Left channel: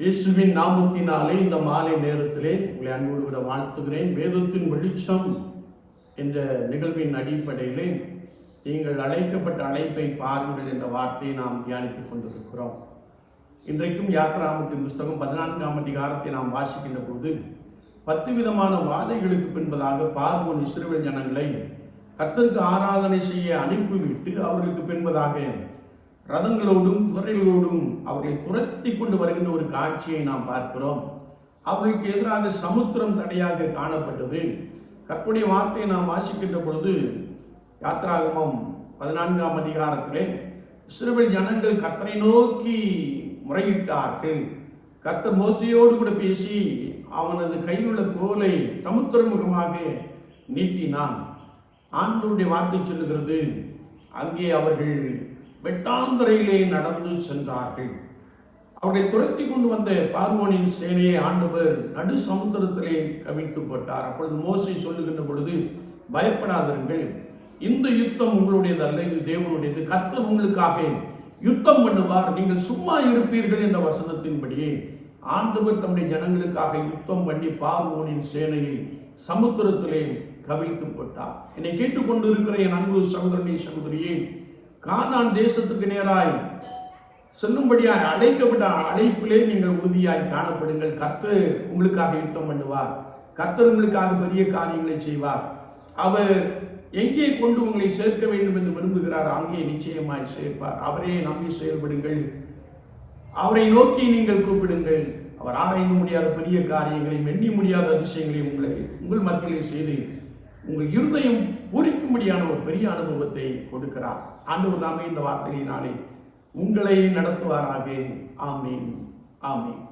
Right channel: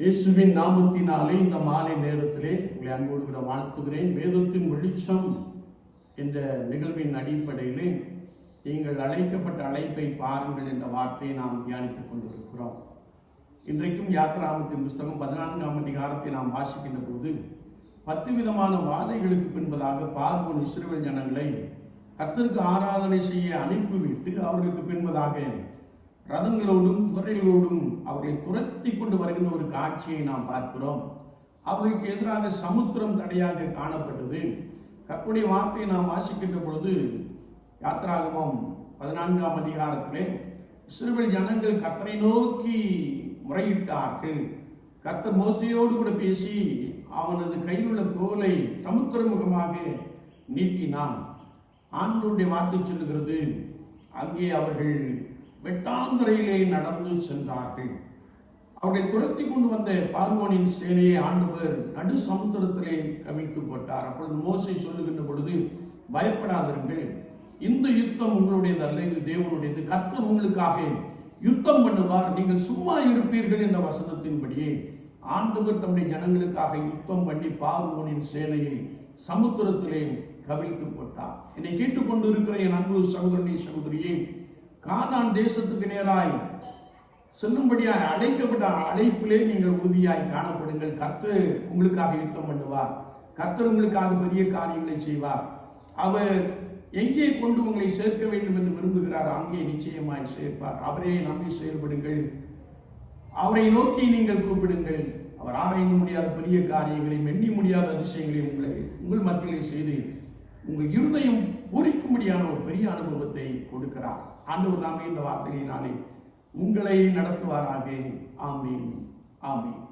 இயேசுவின் நாமத்தினாலே இந்த மாலை நேரத்திலே உங்களை அன்போடு கூட வாழ்த்துகிறேன். வேதத்தின் வெளிச்சம் என்ற நிகழ்வின் அடிப்படையிலே நீங்கள் அழைக்கப்பட்ட அழைப்பை பாருங்கள் என்ற வார்த்தையை நாம் தியானித்துக் கொண்டிருக்கிறோம். இன்றைக்கும் யாத்ராமத்தின் புஸ்தகம் பதினான்காம் அதிகாரத்தை நாம் வாசிக்கின்ற போது பத்து விதமான வாதைகளுக்கு பின்பதாக பார்வோன் இஸ்ரேல் ஜனங்களை கர்த்தருக்கு ஆராதனை செய்ய அனுப்பிவிட்டு அவர்களுக்கு பின்பதாக ரதங்களோடும் குதிரைகளோடும் அவர்களை துரத்தி கொண்டு வருகின்ற ஒரு காட்சியை நாம் பார்க்கிறோம். அவர்களுக்கு எதிராக சமுத்திரம் தடையாக காணப்பட்டது. கற்புடைய வார்த்தையை நாம் வாசிக்கின்ற பொழுது யாத்ராகமம் பதினான்காம் அதிகாரத்திலே இஸ்ரவேல் ஜனங்கள் கர்த்தரை நோக்கி முறையிட்டார்கள். கர்த்தர் மோசையோடு கூட பேசி அவனது கையில் உள்ள கோலை சமுத்திரமுகமாக நீட்டினான். ஆண்டோடைய வார்த்தை சொல்லுகிறது அங்கே அவர்கள் வெட்டாந்தரையிலே நடந்து சென்றார்கள். அவர்களை துரத்தி கொண்டு வந்த பார்வோனின் சேனையை ஆண்டவர் நடு சமுத்திரத்திலே கவிழ்த்து போட்டார். அப்பொழுது மோசை சொல்லுகின்ற பொழுது பயப்படாதிருங்கள். இந்த யுத்தம் உங்களுடையது அல்ல இது தேவனுடையது. கர்த்தர் உங்களுக்காக யுத்தம் பண்ணுவார். நீங்கள் சும்மா இருப்பீர்கள் என்ற வசனத்தின்படியே ஆண்டவர் தம்முடைய ஜனங்களுக்காக யுத்தம் பண்ணி பார்வோனின் சேனையை சமுத்திரத்திலே கவிழ்த்து போட்டார். என்னை கேட்டுக்கொண்டு இருக்கிற என் அன்பு சகோதரனை சகோதரியே கானான் தேசத்துக்கு நேராய் செல்லும்படியாய் அழைக்கப்பட்ட அழைப்பிலே நீங்கள் உறுதியாய் காணப்படுங்கள். கர்த்தர் உங்களுக்காக யுத்தம் பண்ணுவார். கர்த்தர் உங்களுக்காக பெரிய காரியங்களை செய்வார். அவர் எங்கே கொண்டு உங்களை சேர்க்க வேண்டும் என்று விரும்புகிறார் அங்கே நிச்சயமாய் சேர்ப்பார். அவரே நம்பி செயல்படுங்கள். அவரை நோக்கி நீங்கள் கூப்பிடுங்கள். அவர் ஆராய்ந்து முடியாத பெரிய காரியங்களையும் எண்ணி முடியாத அதிசயங்களையும் உங்களை உங்கள் மத்தியிலே செய்து உங்கள் இருதயம் பூரிக்கும்படியான ஒரு பெரிய அனுபவத்தை கொடுக்கிறார். ஆண்டவர் தாமே இந்த வார்த்தையினாலே உங்களை நடத்துவாராக. ஆமீன். ஆமீன்.